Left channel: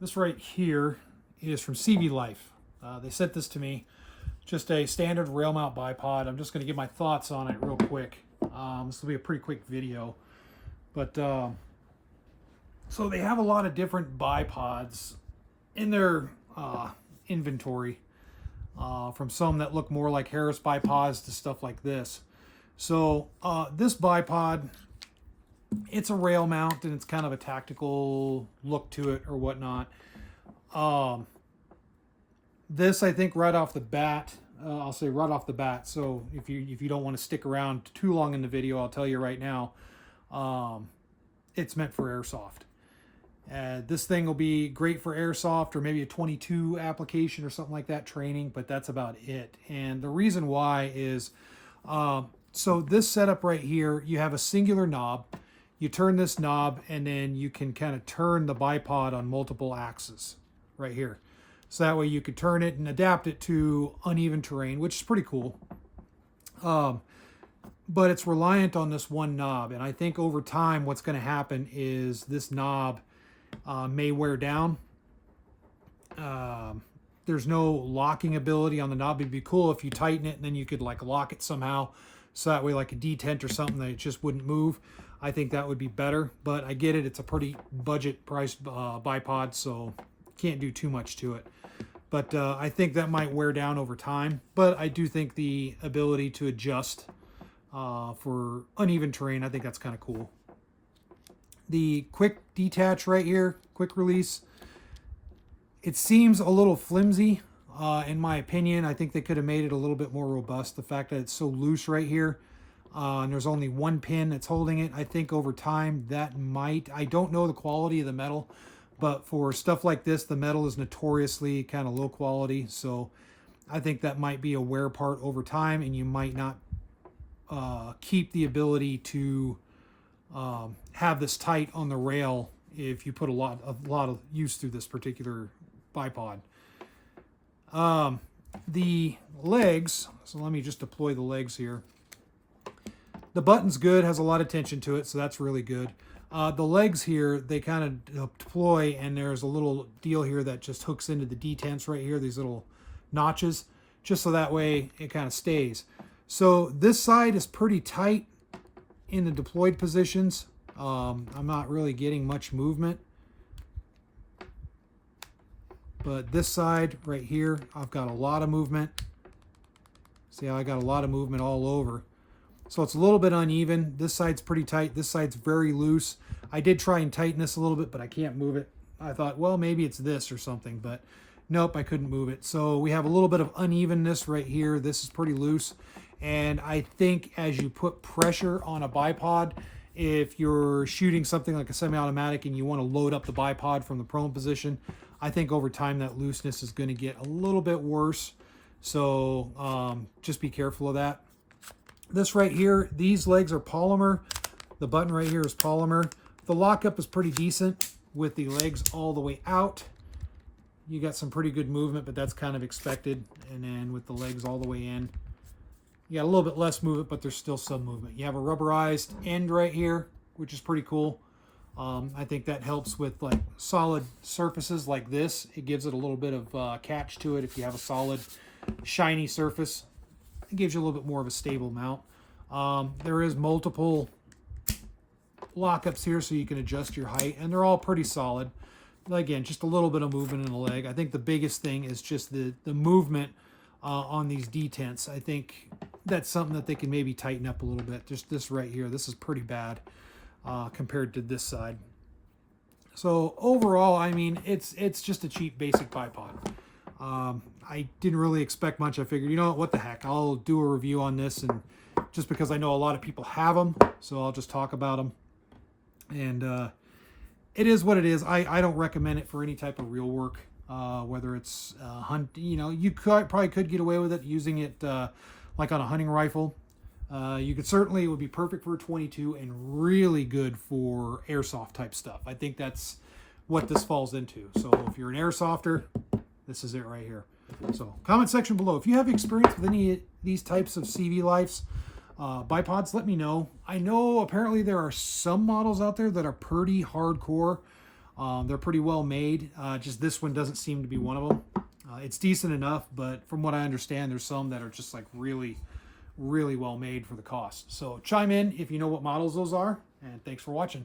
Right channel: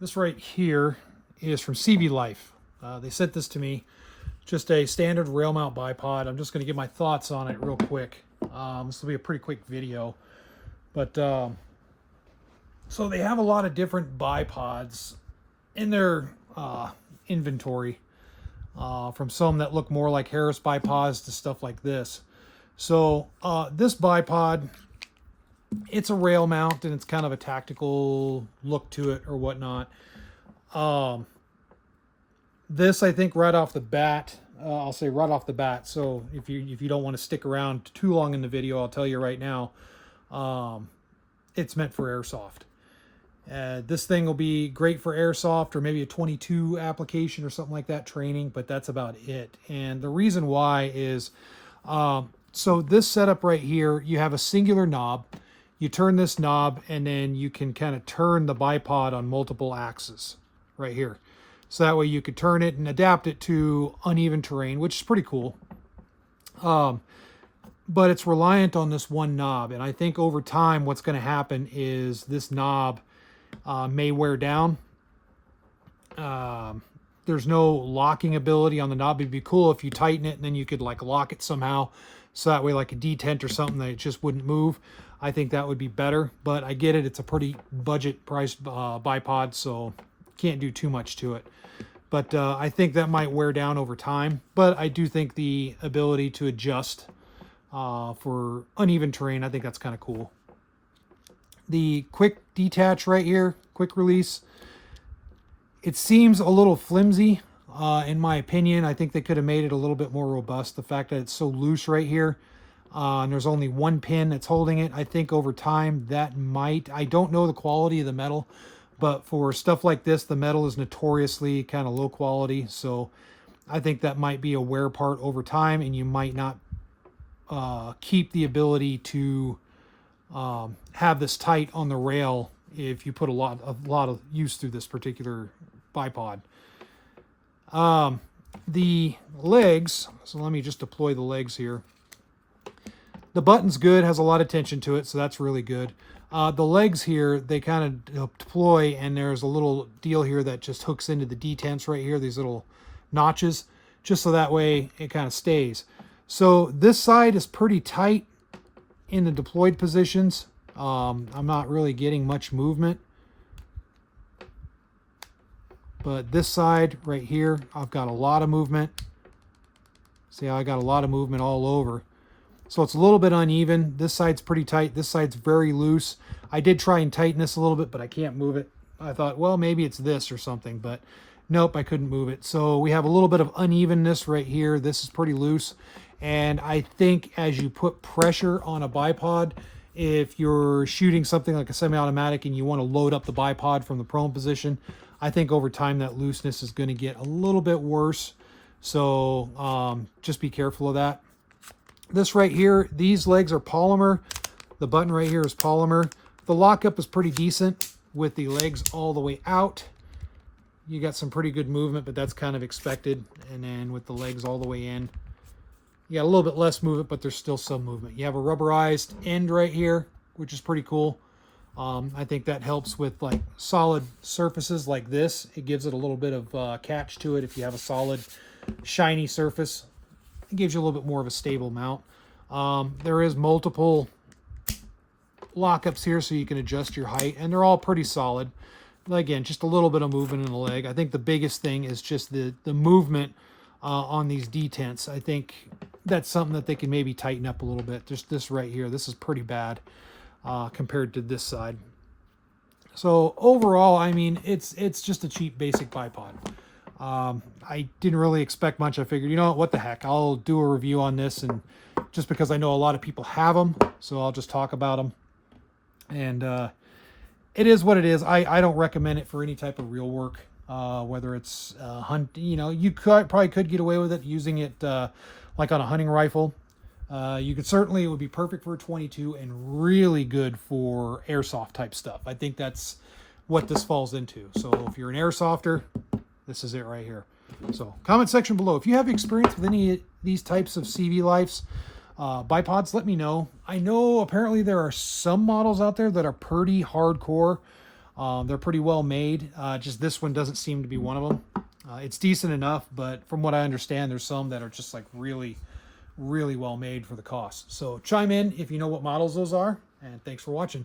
This right here is from CVLife. They sent this to me. Just a standard rail mount bipod. I'm just going to give my thoughts on it real quick. This will be a pretty quick video. But so they have a lot of different bipods in their inventory. From some that look more like Harris bipods to stuff like this. So this bipod, it's a rail mount and it's kind of a tactical look to it or whatnot. This, I think, right off the bat, I'll say right off the bat. So if you don't want to stick around too long in the video, I'll tell you right now, it's meant for airsoft. This thing will be great for airsoft or maybe a 22 application or something like that, training, but that's about it. And the reason why is, so this setup right here, you have a singular knob. You turn this knob and then you can kind of turn the bipod on multiple axes right here. So that way you could turn it and adapt it to uneven terrain, which is pretty cool. But it's reliant on this one knob. And I think over time, what's going to happen is this knob may wear down. There's no locking ability on the knob. It'd be cool if you tighten it and then you could like lock it somehow. So that way like a detent or something that it just wouldn't move. I think that would be better, but I get it. It's a pretty budget priced bipod, so can't do too much to it. But I think that might wear down over time. But I do think the ability to adjust for uneven terrain, I think that's kind of cool. The quick detach right here, quick release, it seems a little flimsy in my opinion. I think they could have made it a little bit more robust. The fact that it's so loose right here, and there's only one pin that's holding it, I think over time that might, I don't know the quality of the metal, but for stuff like this, the metal is notoriously kind of low quality. So I think that might be a wear part over time, and you might not keep the ability to have this tight on the rail if you put a lot of use through this particular bipod. The legs, so let me just deploy the legs here. The button's good, has a lot of tension to it, so that's really good. The legs here, they kind of deploy, and there's a little deal here that just hooks into the detents right here, these little notches, just so that way it kind of stays. So this side is pretty tight in the deployed positions. I'm not really getting much movement. But this side right here, I've got a lot of movement. See how I got a lot of movement all over. So it's a little bit uneven. This side's pretty tight. This side's very loose. I did try and tighten this a little bit, but I can't move it. I thought, well, maybe it's this or something, but nope, I couldn't move it. So we have a little bit of unevenness right here. This is pretty loose. And I think as you put pressure on a bipod, if you're shooting something like a semi-automatic and you want to load up the bipod from the prone position, I think over time that looseness is going to get a little bit worse. So just be careful of that. This right here, these legs are polymer. The button right here is polymer. The lockup is pretty decent with the legs all the way out. You got some pretty good movement, but that's kind of expected. And then with the legs all the way in, you got a little bit less movement, but there's still some movement. You have a rubberized end right here, which is pretty cool. I think that helps with like solid surfaces like this. It gives it a little bit of catch to it. If you have a solid, shiny surface, it gives you a little bit more of a stable mount. There is multiple lockups here so you can adjust your height, and they're all pretty solid. Again, just a little bit of movement in the leg. I think the biggest thing is just the movement on these detents. I think that's something that they can maybe tighten up a little bit. Just this right here, this is pretty bad compared to this side. So overall, I mean, it's just a cheap basic bipod. I didn't really expect much. I figured, you know what the heck, I'll do a review on this, and just because I know a lot of people have them, so I'll just talk about them. And it is what it is. I don't recommend it for any type of real work, whether it's hunt. You know, you probably could get away with it using it like on a hunting rifle. You could certainly, it would be perfect for a 22 and really good for airsoft type stuff. I think that's what this falls into. So if you're an airsofter, this is it right here. So comment section below. If you have experience with any of these types of CVLifes bipods, let me know. I know apparently there are some models out there that are pretty hardcore. They're pretty well made. Just this one doesn't seem to be one of them. It's decent enough, but from what I understand, there's some that are just like really, really well made for the cost. So chime in if you know what models those are, and thanks for watching.